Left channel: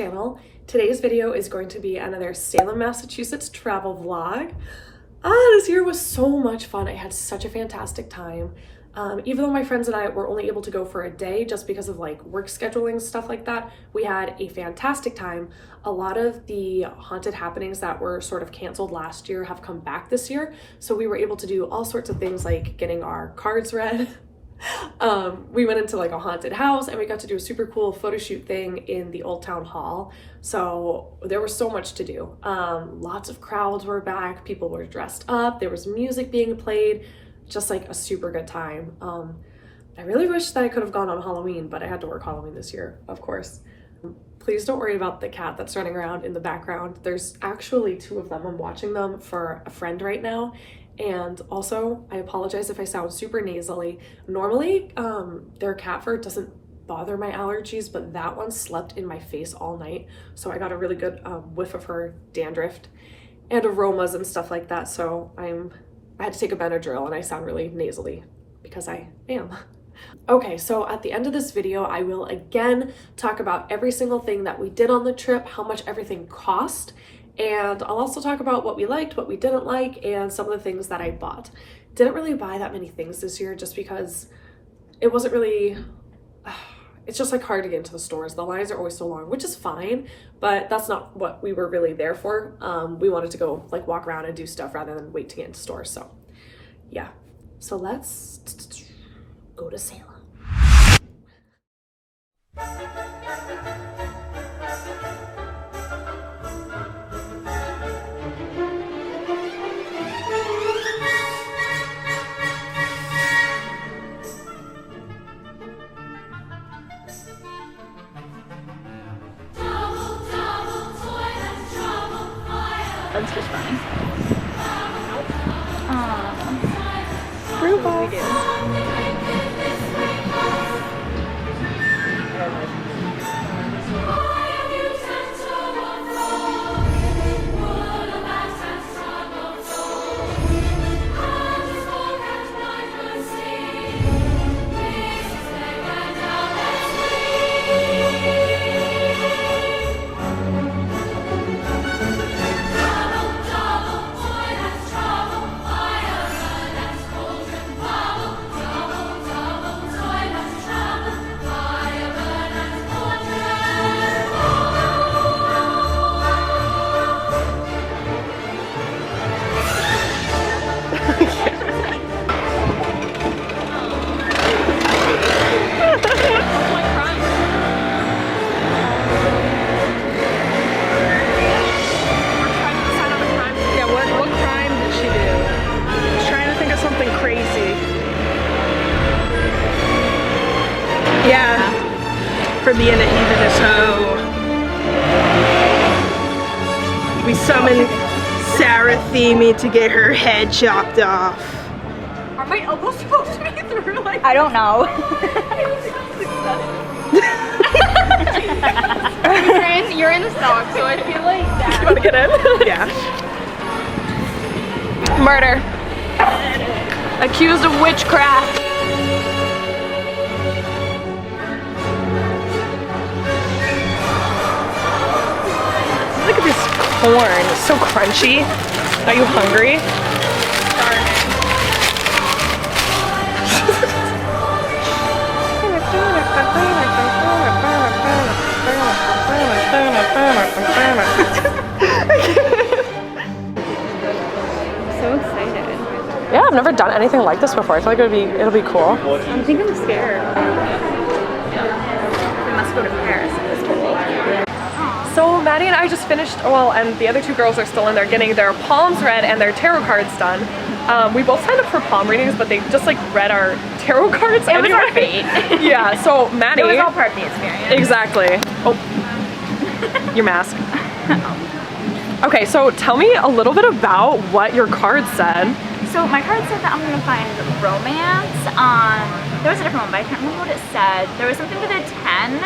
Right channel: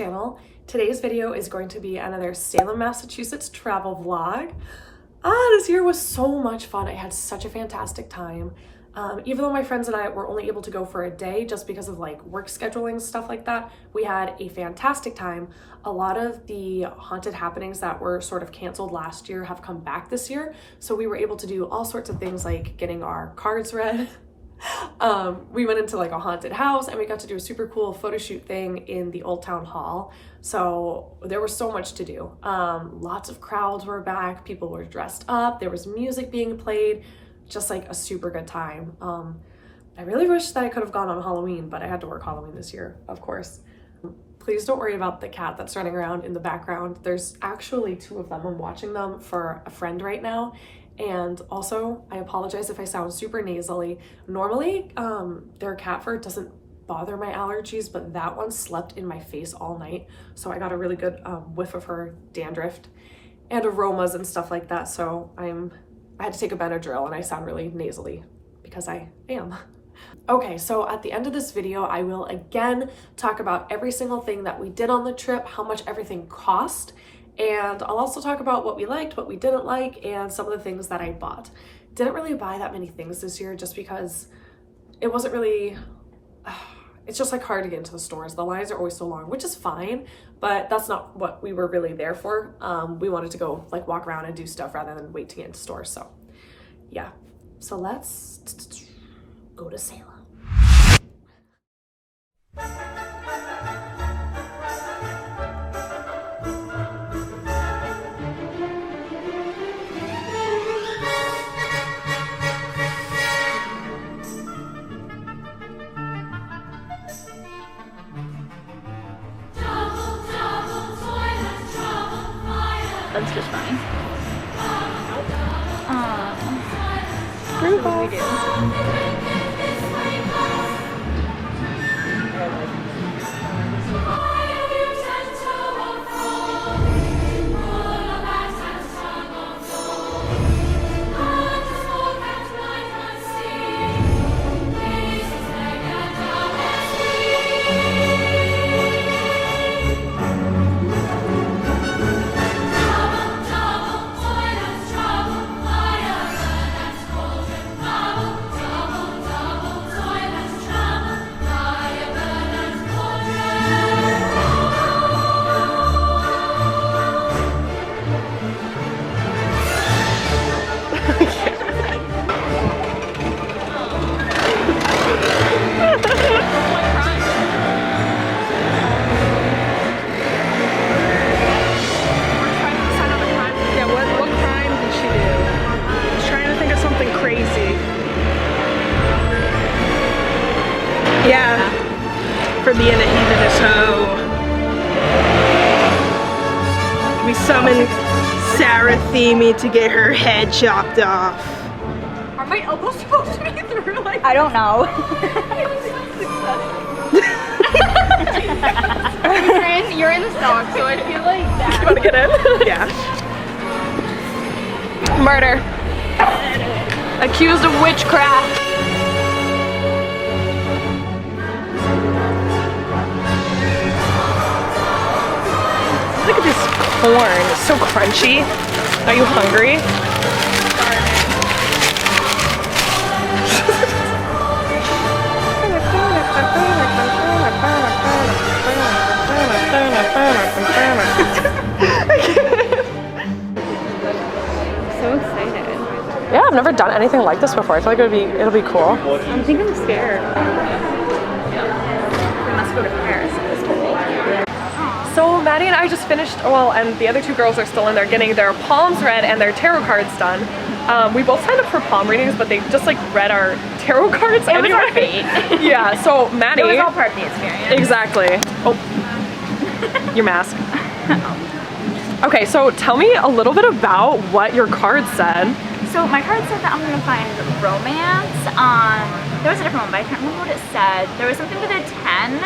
channel. Today's video is going to be another Salem, Massachusetts travel vlog. This year was so much fun. I had such a fantastic time. Even though my friends and I were only able to go for a day just because of like work scheduling, stuff like that, we had a fantastic time. A lot of the haunted happenings that were sort of canceled last year have come back this year. So we were able to do all sorts of things like getting our cards read. We went into like a haunted house and we got to do a super cool photo shoot thing in the Old Town Hall. So there was so much to do. Lots of crowds were back, people were dressed up, there was music being played, just like a super good time. I really wish that I could have gone on Halloween, but I had to work Halloween this year, of course. Please don't worry about the cat that's running around in the background. There's actually two of them. I'm watching them for a friend right now. And also, I apologize if I sound super nasally. Normally, their cat fur doesn't bother my allergies, but that one slept in my face all night. So I got a really good whiff of her dandruff and aromas and stuff like that. So I had to take a Benadryl and I sound really nasally because I am. Okay, so at the end of this video, I will again talk about every single thing that we did on the trip, how much everything cost, and I'll also talk about what we liked, what we didn't like, and some of the things that I bought. Didn't really buy that many things this year just because it wasn't really, it's just like hard to get into the stores. The lines are always so long, which is fine, but that's not what we were really there for. We wanted to go like walk around and do stuff rather than wait to get into stores. So yeah, so let's go to Salem. That's just funny. What do we do? For being a heathenist hoe. We summoned Sarah Theme to get her head chopped off. Are my elbows supposed to be through like I don't know. You're in the stock, so I feel like that. You wanna get in? Yeah. Murder. Accused of witchcraft. Look at this corn, it's so crunchy. Are you hungry? So excited. Yeah, I've never done anything like this before. I feel like it'll be cool. I think I'm scared. We must go to Paris. So Maddie and I just finished, well, and the other two girls are still in there getting their palms read and their tarot cards done. We both signed up for palm readings, but they just like read our tarot cards anyway. It was our fate. Yeah, so Maddie. It was all part of the experience. Exactly. Oh, your mask. Okay, so tell me a little bit about what your card said. So my card said that I'm gonna find romance. There was a different one, but I can't remember what it said. There was something with a 10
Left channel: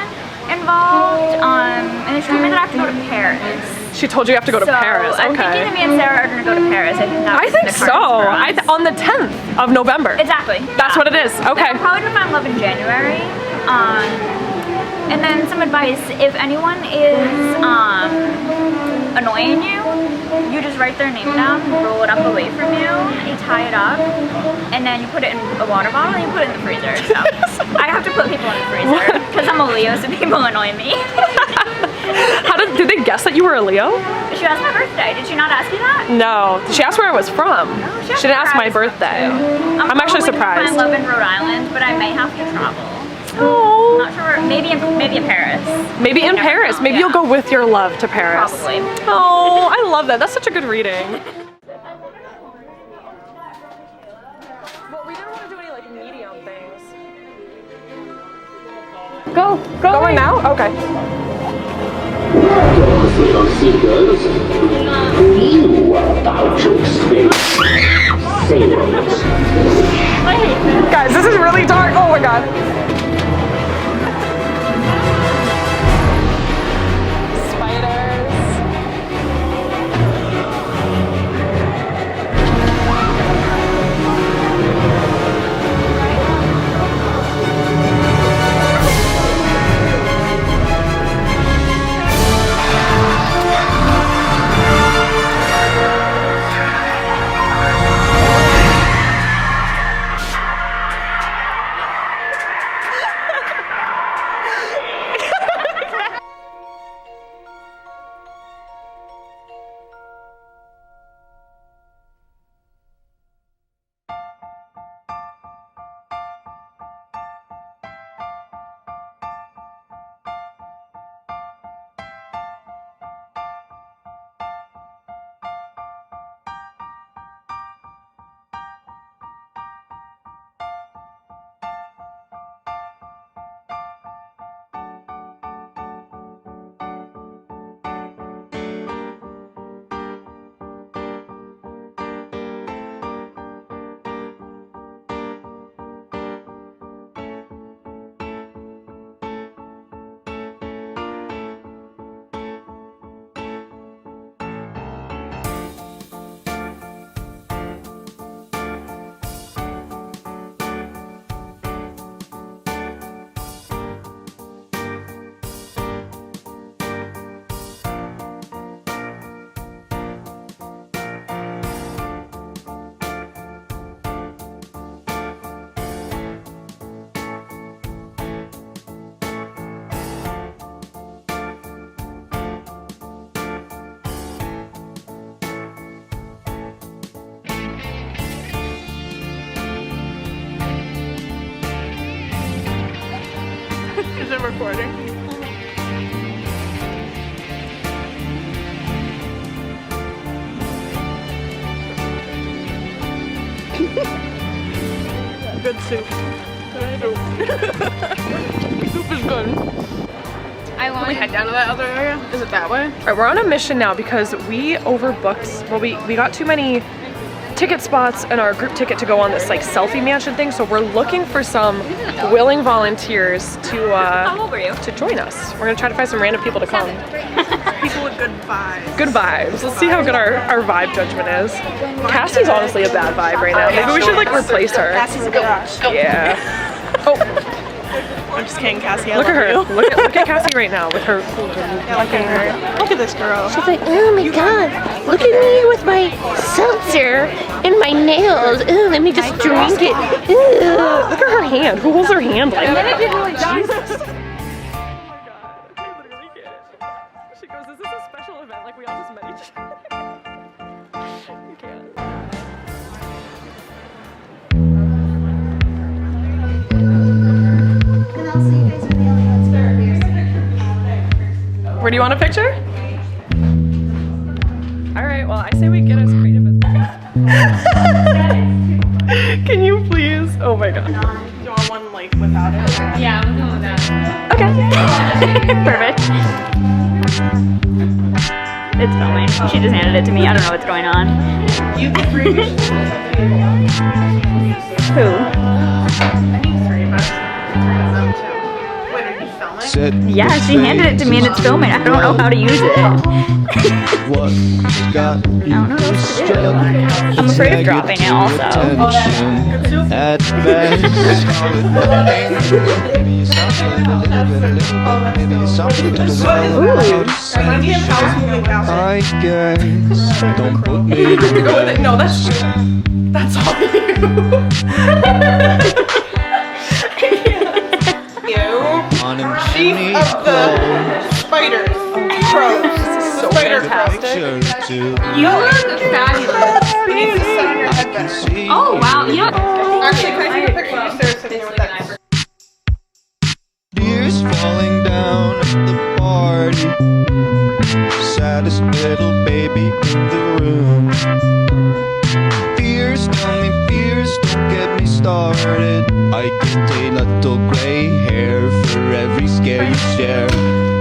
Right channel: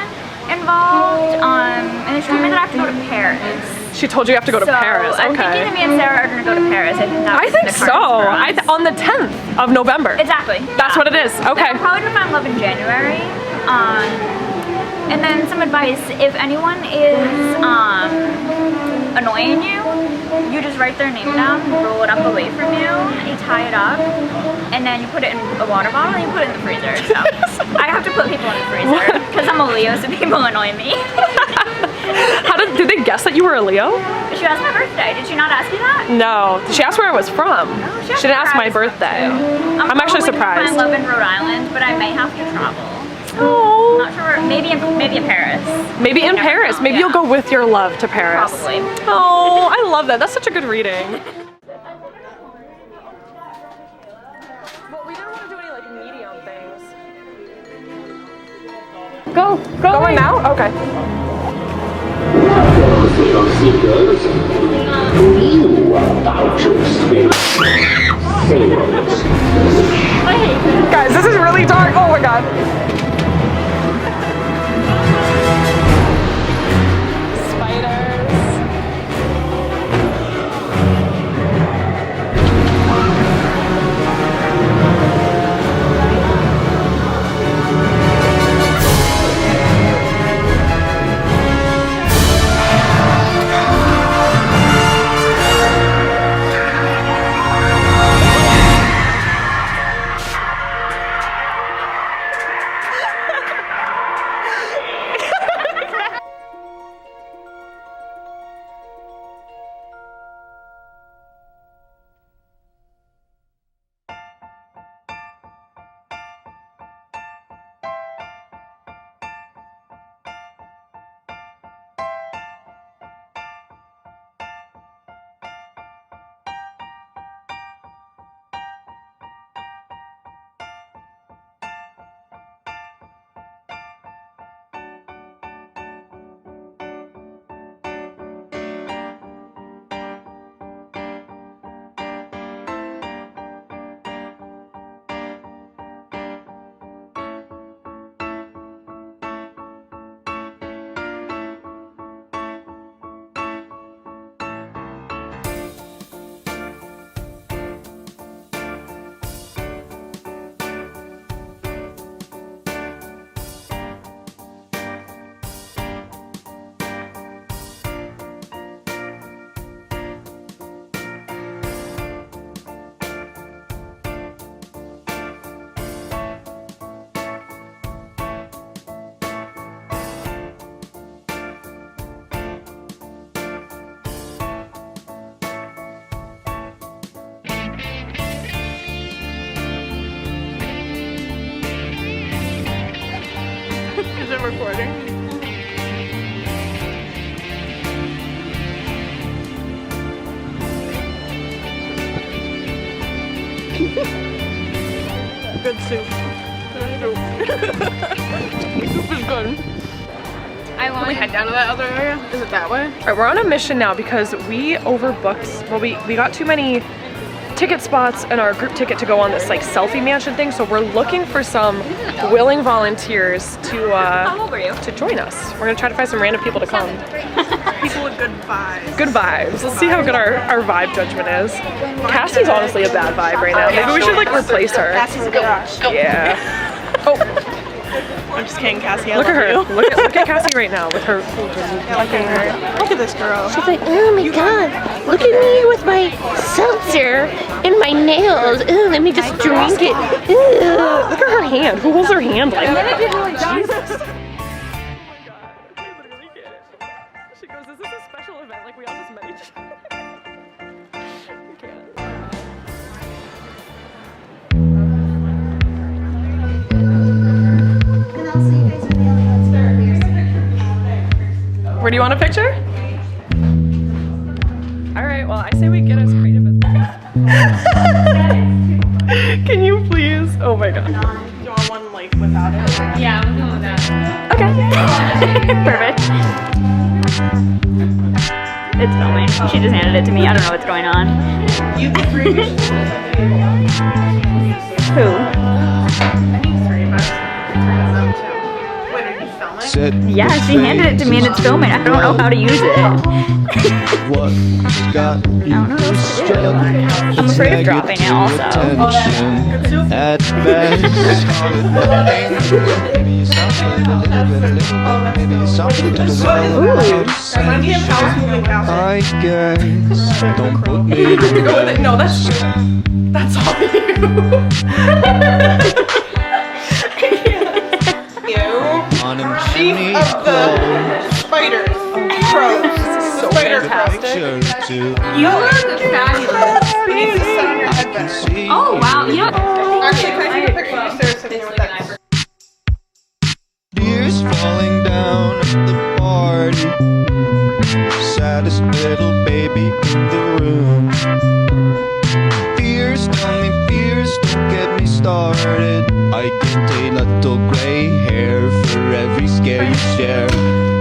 involved, and she told me that I have to go to Paris. She told you you have to go to Paris. Okay. I'm thinking that me and Sarah are gonna go to Paris. I think that's so. On the 10th of November. Exactly. That's what it is. Okay. I'm probably gonna find love in January. And then some advice, if anyone is annoying you, you just write their name down, roll it up away from you, you tie it up, and then you put it in a water bottle and you put it in the freezer. So I have to put people in the freezer because I'm a Leo, so people annoy me. Did they guess that you were a Leo? She asked my birthday. Did she not ask you that? No. She asked where I was from. No, she didn't ask my birthday. I'm actually surprised. I love in Rhode Island, but I may have to travel. Oh. Not sure. Maybe in Paris. Maybe in Paris. Maybe you'll go with your love to Paris. Probably. Oh, I love that. That's such a good reading. Well, we didn't want to do any like medium things. Go Going now? Okay. Seekers, you are about to experience sailors. Guys, this is really dark. Oh my god. Spiders. Is it recording? Good soup. The soup is good. Can we head down to that other area? Is it that way? All right, we're on a mission now because we overbooked. Well, we got too many ticket spots and our group ticket to go on this like selfie mansion thing. So we're looking for some willing volunteers to How old were you? to join us. We're gonna try to find some random people to come. People with good vibes. Good vibes. Let's see how good our vibe judgment is. Cassie's honestly a bad vibe right now. Maybe we should like replace her. Cassie's a garage. Yeah. Oh, I'm just kidding, Cassie. I look at love her. you. Look at Cassie right now with her. Yeah, look at her. Look at this girl. She's like, oh my god, look at me with my seltzer and my nails. Ooh, let me just drink it. Ooh. Look at her hand. Who holds her hand like that? Jesus. Oh my god. I literally can't. She goes, is this a special event? Like we all just met each other. You can't. Where do you want a picture? All right, well, I say we get as creative as Can you please? Oh my god. Do you want one like without it? Yeah, I'm doing that. Okay. Perfect. It's filming. She just handed it to me. I don't know what's going on. You can three. Who? I need three of us. Three of them too. Wait, are you filming? said Yeah, she handed it to me and it's filming. I don't know how to use it. what got you I don't know what to do. distracted. I'm afraid of dropping it also. Attention at best. Maybe something a little bit, maybe something a little I guess. Don't put me to No, that's all you. on him chimney's clothes. Spiders. Crows. So Spider fantastic. You look fabulous. You need to sit on your headband. Oh, wow. You know, Actually, can I take a picture of you, Sarah, sitting here with that? Tears falling down at the party. Saddest little baby in the room. Fears, tell me fears, don't get me started. I get a little gray hair for every scare you share.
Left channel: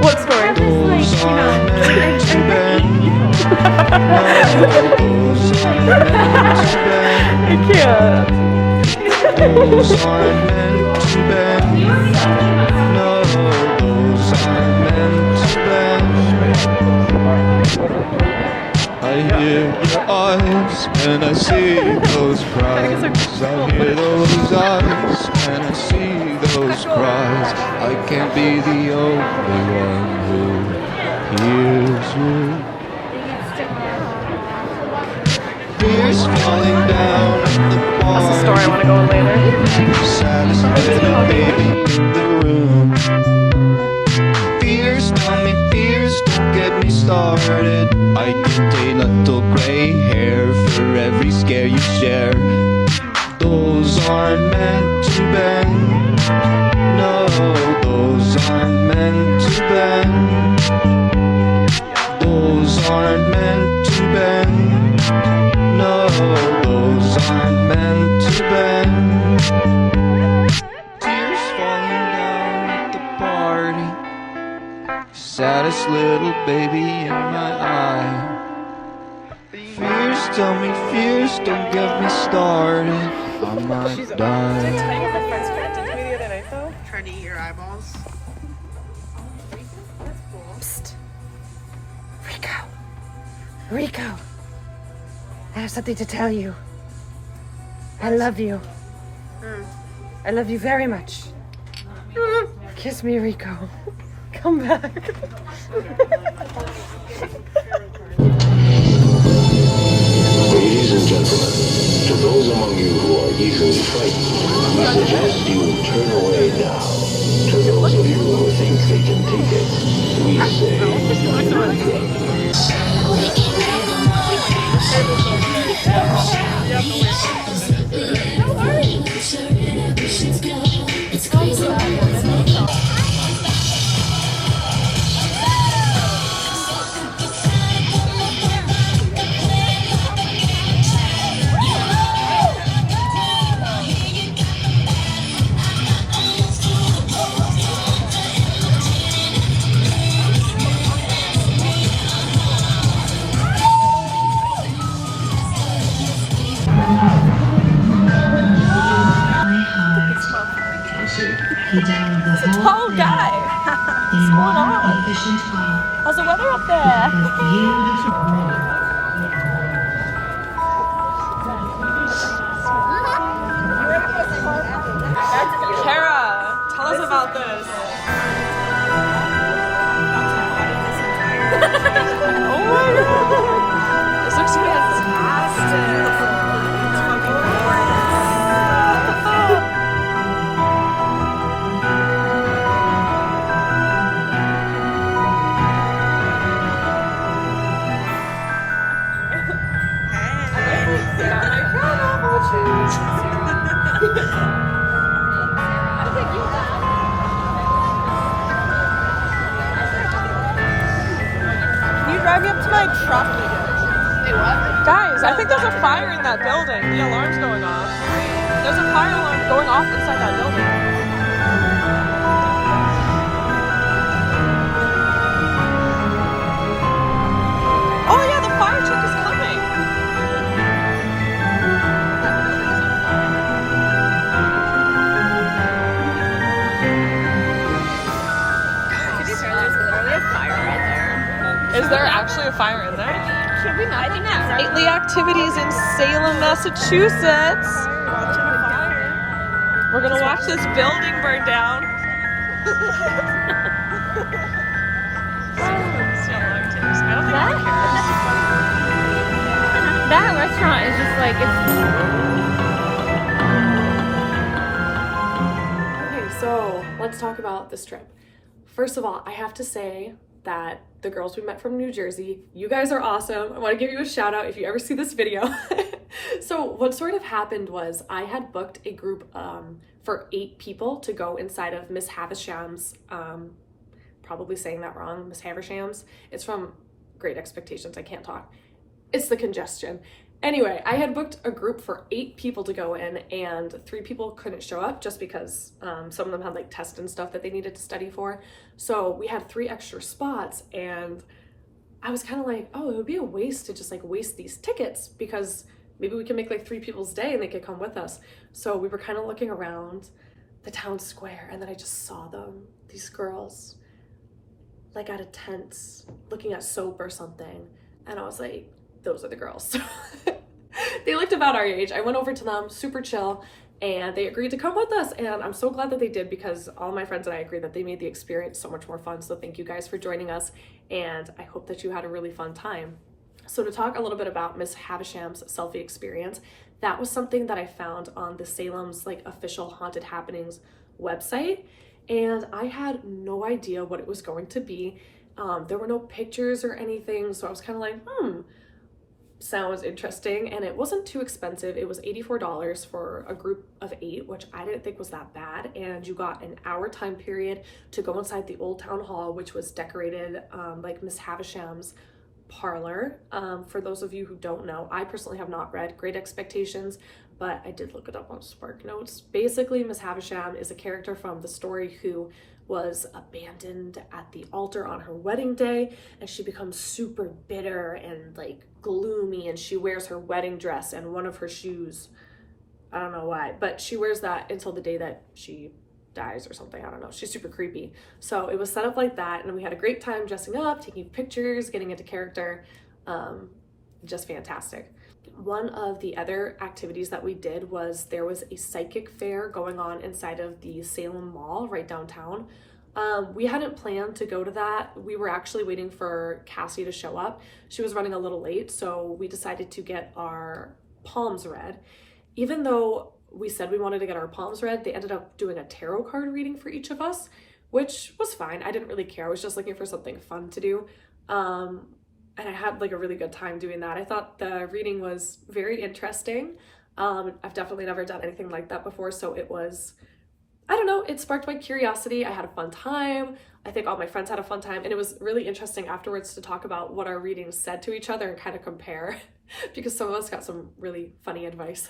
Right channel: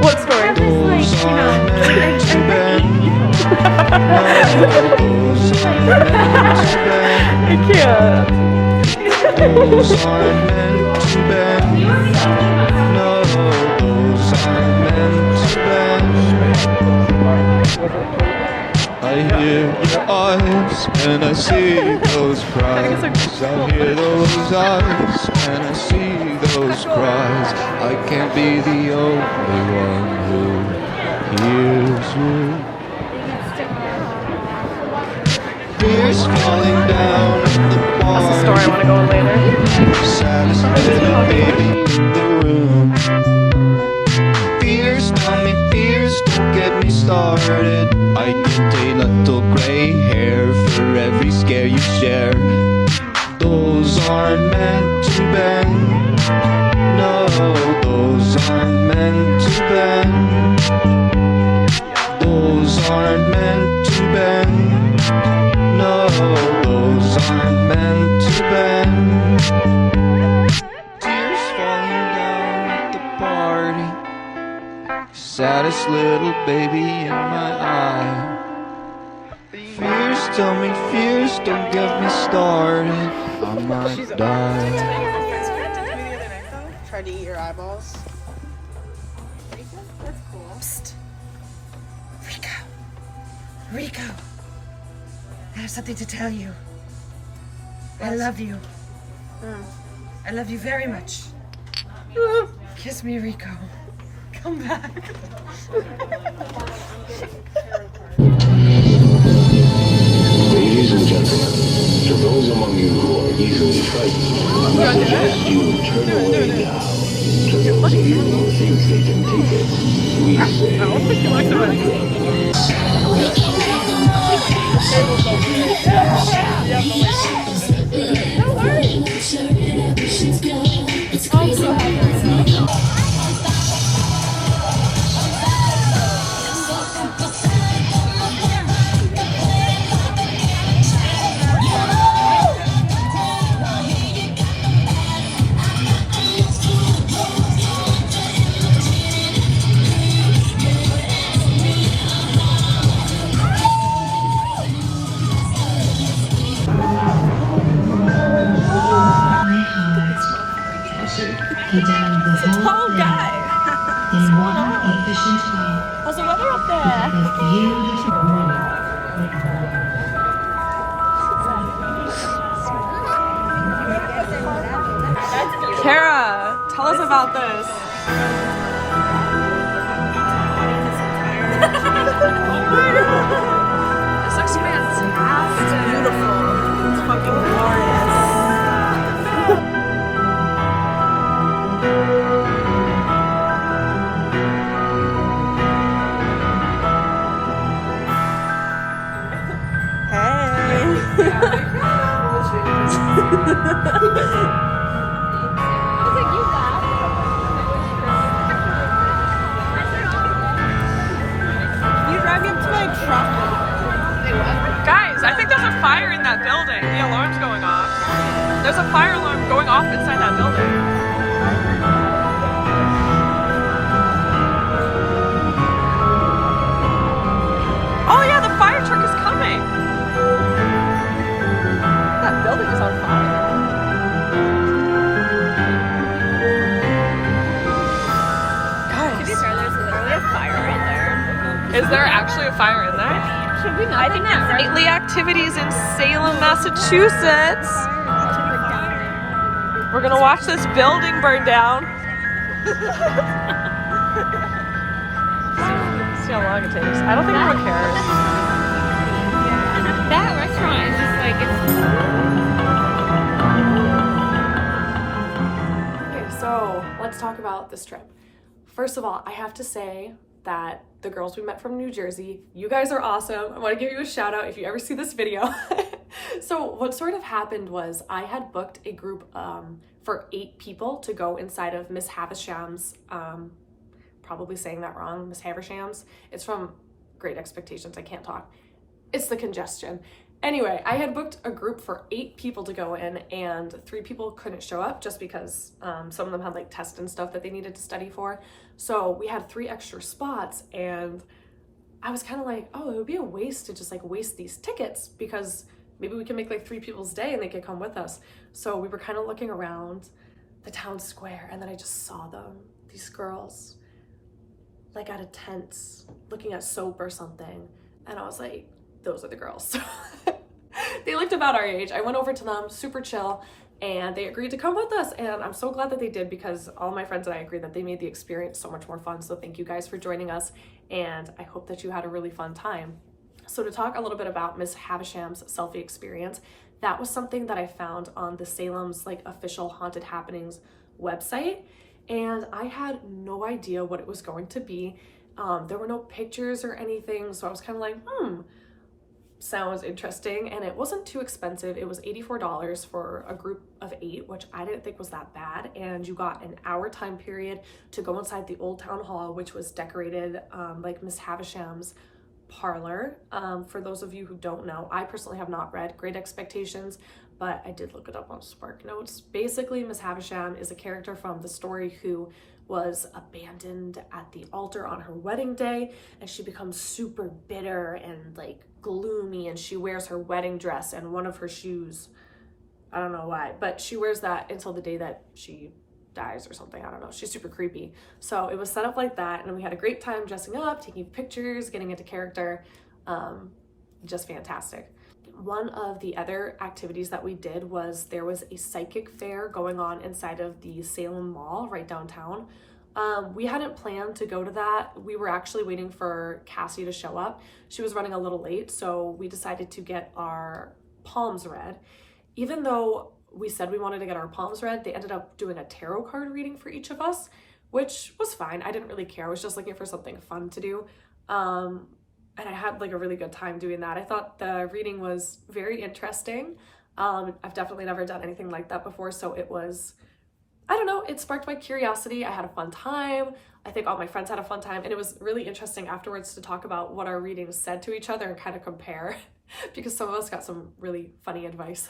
What story? Those are meant to bend. No, those are meant to bend. I can't. Those aren't meant to bend. No, those aren't meant to bend. I hear your eyes and I see those cries. I hear those eyes and I see those cries. I can't be the only one who hears you. Tears falling down at the bar. That's the story I want to go on later. Saddest little baby in the room. Fears, tell me fears, don't get me started. I get a little gray hair for every scare you share. Those aren't meant to bend. No, those aren't meant to bend. Those aren't meant to bend. No, those aren't meant to bend. Tears falling down at the party. Saddest little baby in my eye. Fears, tell me fears, don't get me started. I might die. Tried to eat your eyeballs. Psst. Rico, I have something to tell you. I love you. I love you very much. Kiss me, Rico. Come back. Ladies and gentlemen, to those among you who are easily frightened, we suggest you turn away now. To those of you who think they can take it, we Tall guy. What's going on? How's the weather up there? Kara, tell us about this. Oh my god. This looks fantastic. Can you drive me up to my truck? Say what? Guys, I think there's a fire in that building. The alarm's going off. There's a fire alarm going off inside that building. Oh yeah, the fire truck is coming. That building is on fire. sure there's literally a fire right there. Is there actually a fire in there? Should we not? I think that's Nightly activities in Salem, Massachusetts. We're gonna watch this building burn down. See how long it takes. I don't think anyone cares. That restaurant is just like, it's... Okay, so let's talk about this trip. First of all, I have to say that the girls we met from New Jersey, you guys are awesome. I want to give you a shout out if you ever see this video. So what sort of happened was I had booked a group for 8 people to go inside of Miss Havisham's, probably saying that wrong, Miss Havisham's. It's from Great Expectations, I can't talk. It's the congestion. Anyway, I had booked a group for 8 people to go in, and 3 people couldn't show up just because some of them had like tests and stuff that they needed to study for. So we had 3 extra spots, and I was kind of like, oh, it would be a waste to just like waste these tickets because maybe we can make like 3 people's day and they could come with us. So we were kind of looking around the town square, and then I just saw them, these girls, like at a tent looking at soap or something. And I was like, those are the girls. They looked about our age. I went over to them, super chill, and they agreed to come with us. And I'm so glad that they did because all my friends and I agree that they made the experience so much more fun. So thank you guys for joining us. And I hope that you had a really fun time. So to talk a little bit about Miss Havisham's selfie experience, that was something that I found on the Salem's like official Haunted Happenings website. And I had no idea what it was going to be. There were no pictures or anything. So I was kind of like, sounds interesting. And it wasn't too expensive. It was $84 for a group of 8, which I didn't think was that bad. And you got an hour time period to go inside the old town hall, which was decorated like Miss Havisham's parlor. For those of you who don't know, I personally have not read Great Expectations, but I did look it up on Spark Notes. Basically, Miss Havisham is a character from the story who was abandoned at the altar on her wedding day, and she becomes super bitter and like gloomy, and she wears her wedding dress and one of her shoes. I don't know why, but she wears that until the day that she dies or something. I don't know. She's super creepy. So it was set up like that, and we had a great time dressing up, taking pictures, getting into character. Just fantastic. One of the other activities that we did was there was a psychic fair going on inside of the Salem Mall right downtown. We hadn't planned to go to that. We were actually waiting for Cassie to show up. She was running a little late, so we decided to get our palms read. Even though we said we wanted to get our palms read, they ended up doing a tarot card reading for each of us, which was fine. I didn't really care. I was just looking for something fun to do. And I had like a really good time doing that. I thought the reading was very interesting. I've definitely never done anything like that before. So it was, I don't know, it sparked my curiosity. I had a fun time. I think all my friends had a fun time. And it was really interesting afterwards to talk about what our readings said to each other and kind of compare because some of us got some really funny advice.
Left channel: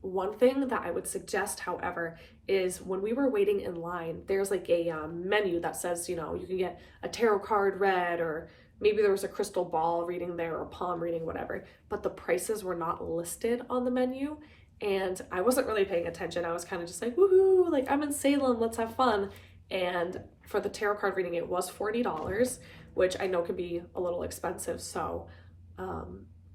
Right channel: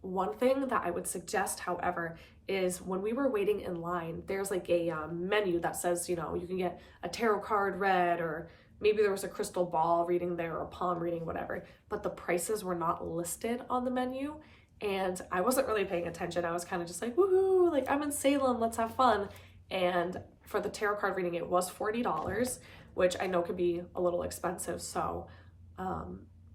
One thing that I would suggest, however, is when we were waiting in line, there's like a menu that says, you know, you can get a tarot card read, or maybe there was a crystal ball reading there or a palm reading, whatever, but the prices were not listed on the menu. And I wasn't really paying attention. I was kind of just like, woohoo, like I'm in Salem, let's have fun. And for the tarot card reading, it was $40, which I know can be a little expensive. So,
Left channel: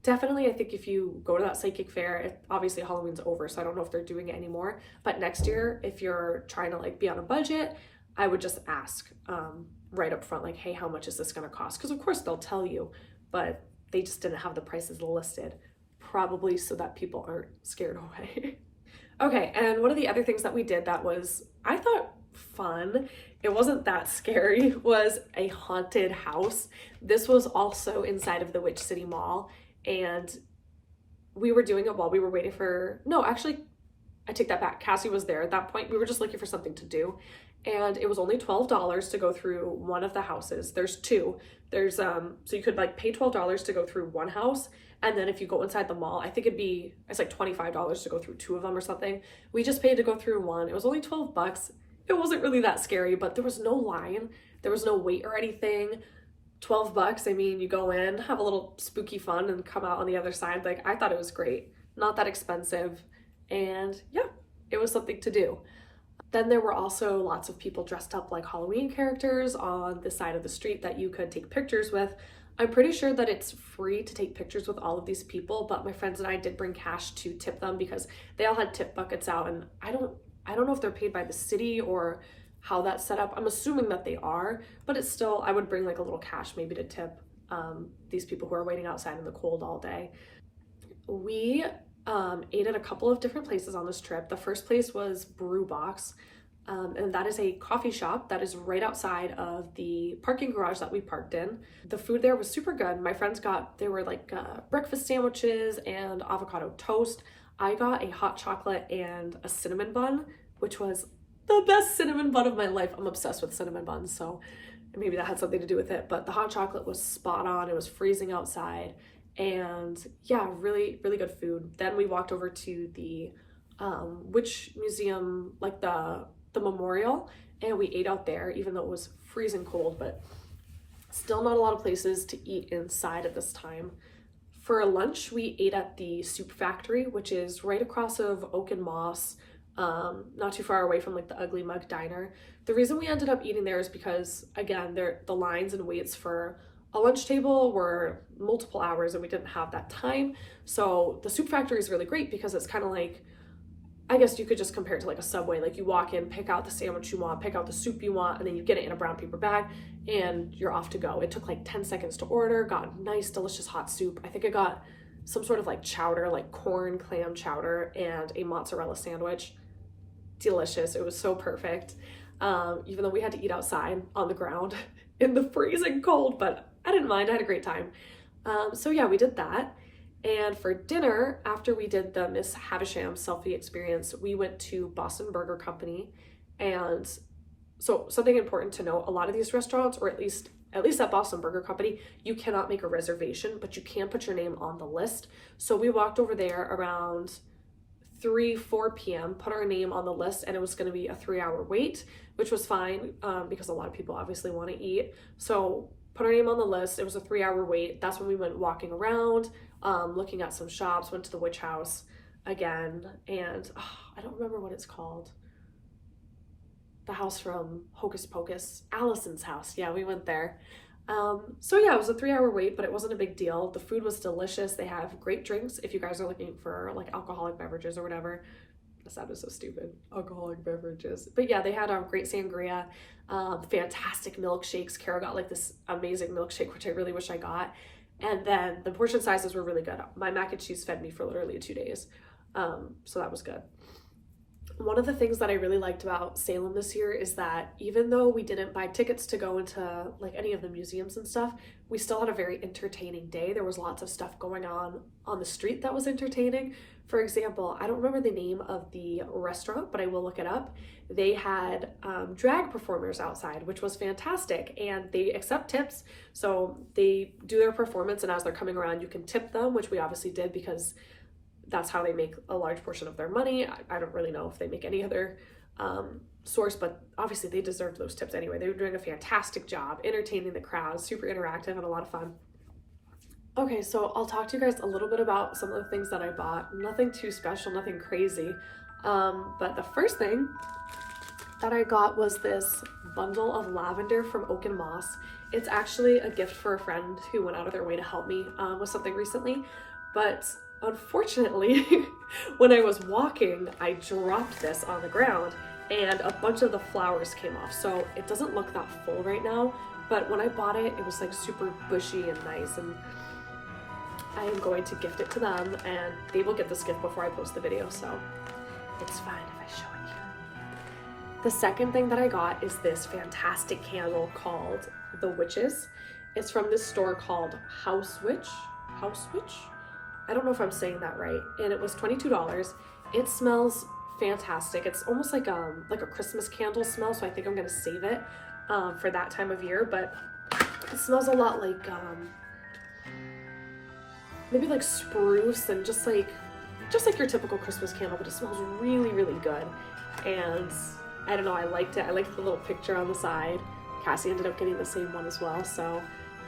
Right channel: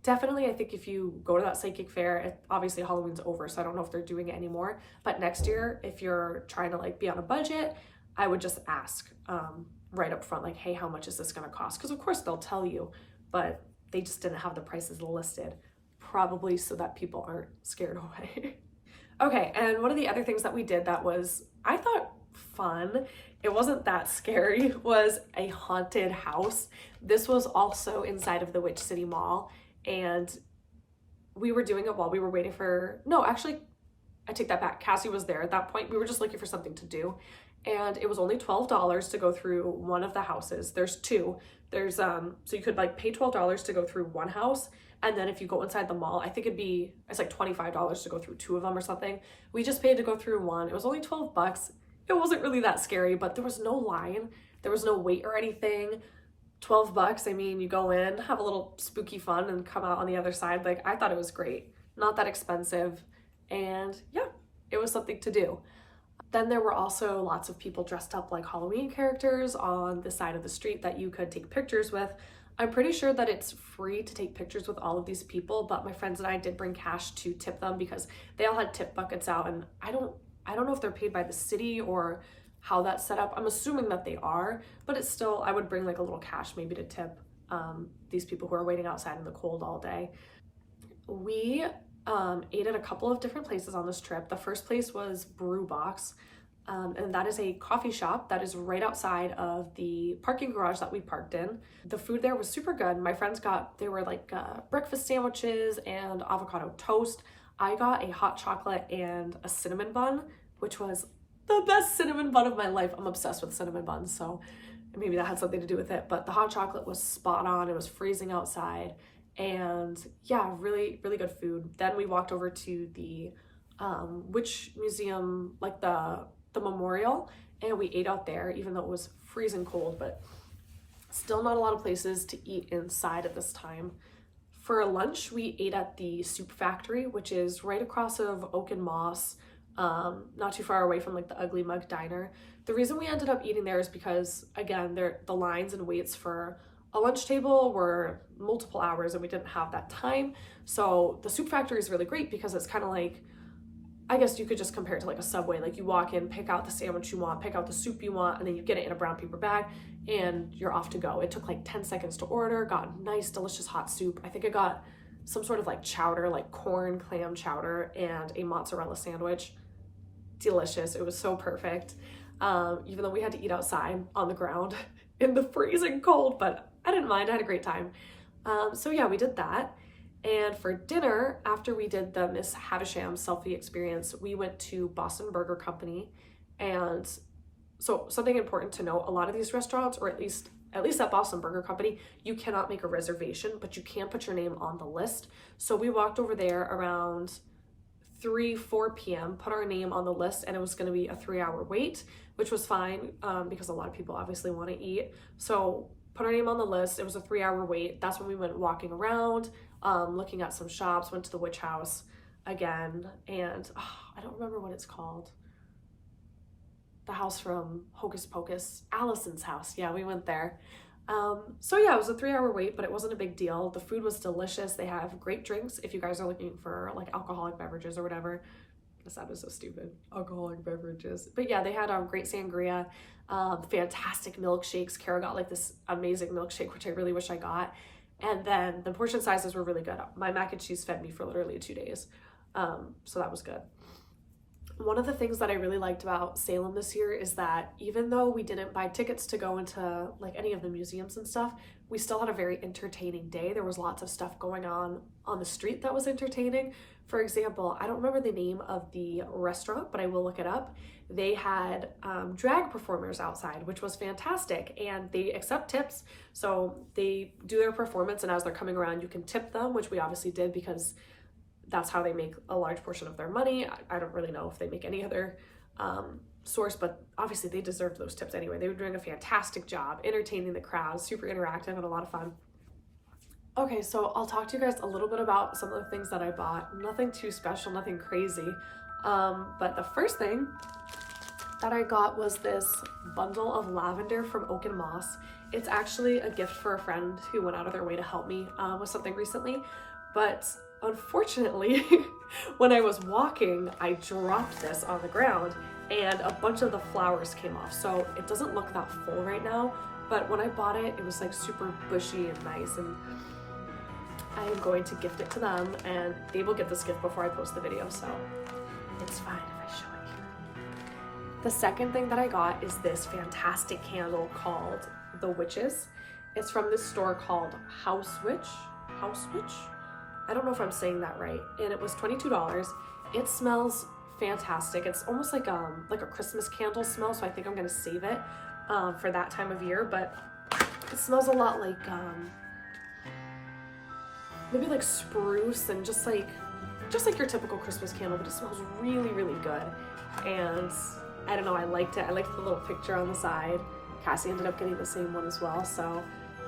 definitely, I think if you go to that psychic fair, obviously Halloween's over, so I don't know if they're doing it anymore. But next year, if you're trying to like be on a budget, I would just ask right up front, like, hey, how much is this gonna cost? Because of course they'll tell you, but they just didn't have the prices listed, probably so that people aren't scared away. Okay, and one of the other things that we did that was, I thought, fun, it wasn't that scary, was a haunted house. This was also inside of the Witch City Mall. And we were doing it while we were waiting for, no, actually, I take that back. Cassie was there at that point. We were just looking for something to do. And it was only $12 to go through one of the houses. There's 2. There's, so you could like pay $12 to go through one house. And then if you go inside the mall, I think it's like $25 to go through 2 of them or something. We just paid to go through one. It was only $12. It wasn't really that scary, but there was no line. There was no wait or anything. $12, I mean, you go in, have a little spooky fun, and come out on the other side. Like, I thought it was great. Not that expensive. And yeah, it was something to do. Then there were also lots of people dressed up like Halloween characters on the side of the street that you could take pictures with. I'm pretty sure that it's free to take pictures with all of these people, but my friends and I did bring cash to tip them because they all had tip buckets out, and I don't know if they're paid by the city or how that's set up. I'm assuming that they are, but it's still, I would bring like a little cash maybe to tip these people who are waiting outside in the cold all day. We ate at a couple of different places on this trip. The first place was Brew Box, and that is a coffee shop that is right outside of the parking garage that we parked in. The food there was super good. My friends they were like breakfast sandwiches and avocado toast. I got a hot chocolate and a cinnamon bun, which was the best cinnamon bun of my life. I'm obsessed with cinnamon buns, so maybe that had something to do with it, but the hot chocolate was spot on. It was freezing outside, and yeah, really, really good food. Then we walked over to the witch museum, like the memorial, and we ate out there, even though it was freezing cold, but still not a lot of places to eat inside at this time. For lunch, we ate at the Soup Factory, which is right across of Oak and Moss, not too far away from like the Ugly Mug Diner. The reason we ended up eating there is because, again, the lines and waits for a lunch table were multiple hours and we didn't have that time. So the Soup Factory is really great because it's kind of like, I guess you could just compare it to like a Subway. Like you walk in, pick out the sandwich you want, pick out the soup you want, and then you get it in a brown paper bag and you're off to go. It took like 10 seconds to order, got nice, delicious hot soup. I think I got some sort of like chowder, like corn clam chowder, and a mozzarella sandwich. Delicious. It was so perfect. Even though we had to eat outside on the ground in the freezing cold, but I didn't mind. I had a great time. So yeah, we did that. And for dinner, after we did the Miss Havisham selfie experience, we went to Boston Burger Company. And so something important to note, a lot of these restaurants, or at least at Boston Burger Company, you cannot make a reservation, but you can put your name on the list. So we walked over there around 3-4 p.m., put our name on the list, and it was going to be a 3-hour wait, which was fine because a lot of people obviously want to eat. So put our name on the list. It was a 3-hour wait. That's when we went walking around, looking at some shops, went to the witch house again, and I don't remember what it's called. The house from Hocus Pocus, Allison's house. Yeah, we went there. So yeah, it was a 3-hour wait, but it wasn't a big deal. The food was delicious. They have great drinks if you guys are looking for like alcoholic beverages or whatever. That sounded so stupid. Alcoholic beverages. But yeah, they had a great sangria, fantastic milkshakes. Kara got like this amazing milkshake, which I really wish I got. And then the portion sizes were really good. My mac and cheese fed me for literally 2 days. So that was good. One of the things that I really liked about Salem this year is that even though we didn't buy tickets to go into like any of the museums and stuff, we still had a very entertaining day. There was lots of stuff going on the street that was entertaining. For example, I don't remember the name of the restaurant, but I will look it up. They had drag performers outside, which was fantastic, and they accept tips. So they do their performance, and as they're coming around, you can tip them, which we obviously did because that's how they make a large portion of their money. I don't really know if they make any other source, but obviously they deserved those tips anyway. They were doing a fantastic job entertaining the crowd, super interactive and a lot of fun. Okay, so I'll talk to you guys a little bit about some of the things that I bought. Nothing too special, nothing crazy. But the first thing that I got was this bundle of lavender from Oak and Moss. It's actually a gift for a friend who went out of their way to help me with something recently. But unfortunately, when I was walking, I dropped this on the ground and a bunch of the flowers came off. So it doesn't look that full right now, but when I bought it, it was like super bushy and nice, and I am going to gift it to them, and they will get this gift before I post the video, so it's fine if I show it here. The second thing that I got is this fantastic candle called The Witches. It's from this store called House Witch? I don't know if I'm saying that right. And it was $22. It smells fantastic. It's almost like a Christmas candle smell, so I think I'm gonna save it for that time of year. But it smells a lot like maybe like spruce and just like your typical Christmas candle, but it smells really, really good. And I don't know, I liked it. I liked the little picture on the side. Cassie ended up getting the same one as well. So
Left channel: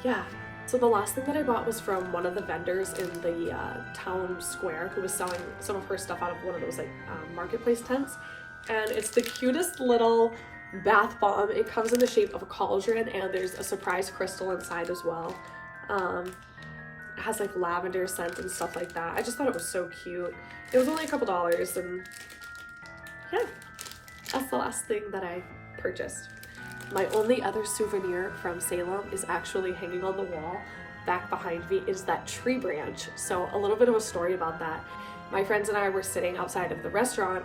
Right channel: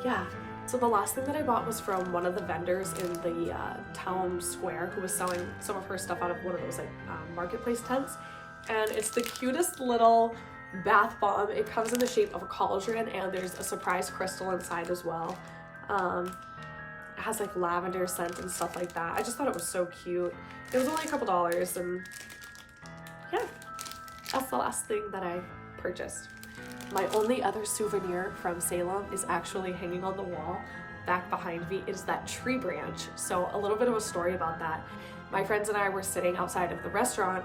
yeah. So the last thing that I bought was from one of the vendors in the town square who was selling some of her stuff out of one of those like marketplace tents. and it's the cutest little bath bomb. It comes in the shape of a cauldron, and there's a surprise crystal inside as well. It has like lavender scent and stuff like that. I just thought it was so cute. It was only a couple dollars, and yeah, that's the last thing that I purchased. My only other souvenir from Salem is actually hanging on the wall back behind me. Is that tree branch. So a little bit of a story about that. My friends and I were sitting outside of the restaurant,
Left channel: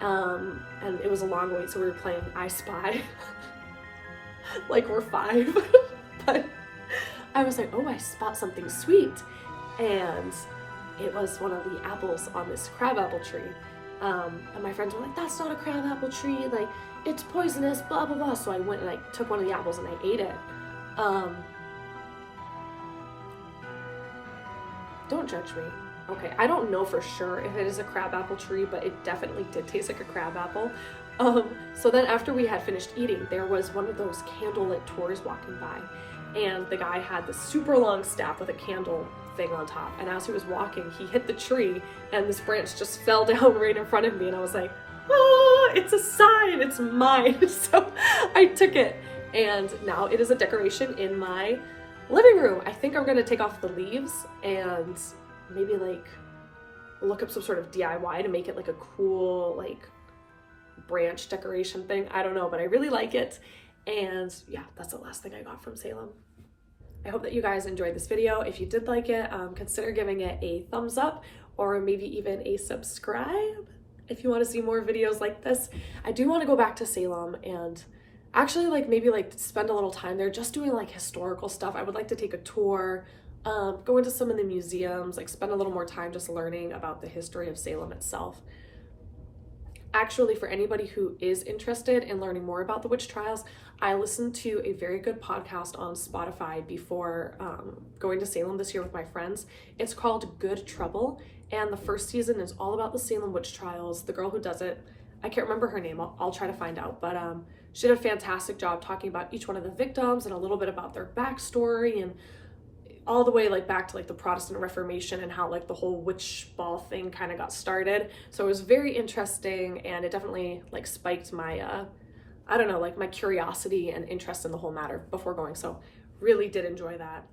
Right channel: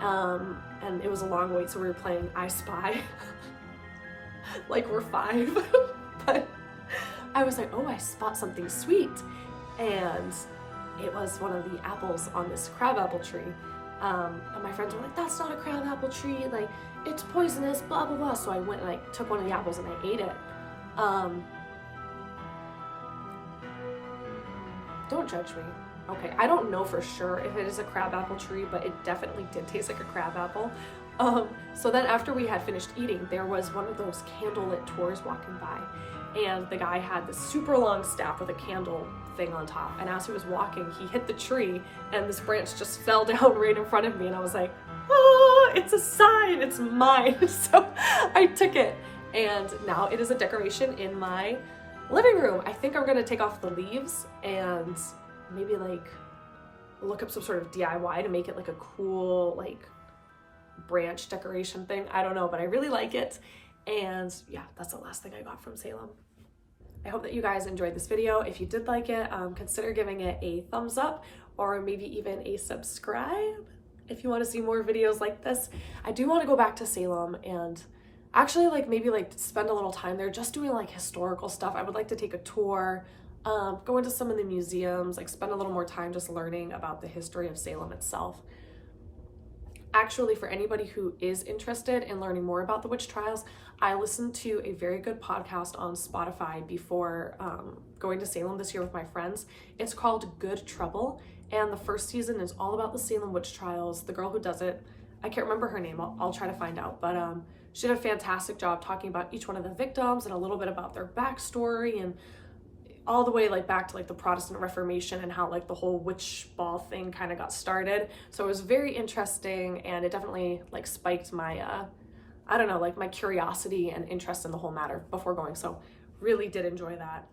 and it was a long wait, so we were playing I Spy. Like we're 5. But I was like, oh, I spot something sweet. And it was one of the apples on this crabapple tree. And my friends were like, that's not a crabapple tree, like it's poisonous, blah blah blah. So I went and I took one of the apples and I ate it. Don't judge me. Okay, I don't know for sure if it is a crabapple tree, but it definitely did taste like a crabapple. So then after we had finished eating, there was one of those candlelit tours walking by, and the guy had this super long staff with a candle thing on top, and as he was walking, he hit the tree and this branch just fell down right in front of me, and I was like, oh, it's a sign, it's mine. So I took it, and now it is a decoration in my living room. I think I'm gonna take off the leaves and maybe like look up some sort of DIY to make it like a cool like branch decoration thing. I don't know, but I really like it. And yeah, that's the last thing I got from Salem. I hope that you guys enjoyed this video. If you did like it, consider giving it a thumbs up or maybe even a subscribe if you want to see more videos like this. I do want to go back to Salem and actually like maybe like spend a little time there just doing like historical stuff. I would like to take a tour, go into some of the museums, like spend a little more time just learning about the history of Salem itself. Actually, for anybody who is interested in learning more about the witch trials, I listened to a very good podcast on Spotify before going to Salem this year with my friends. It's called Good Trouble, and the first season is all about the Salem witch trials. The girl who does it, I can't remember her name, I'll try to find out, but she did a fantastic job talking about each one of the victims and a little bit about their backstory, and all the way like back to like the Protestant Reformation and how like the whole witch ball thing kind of got started. So it was very interesting, and it definitely like spiked my I don't know, like my curiosity and interest in the whole matter before going. So really did enjoy that.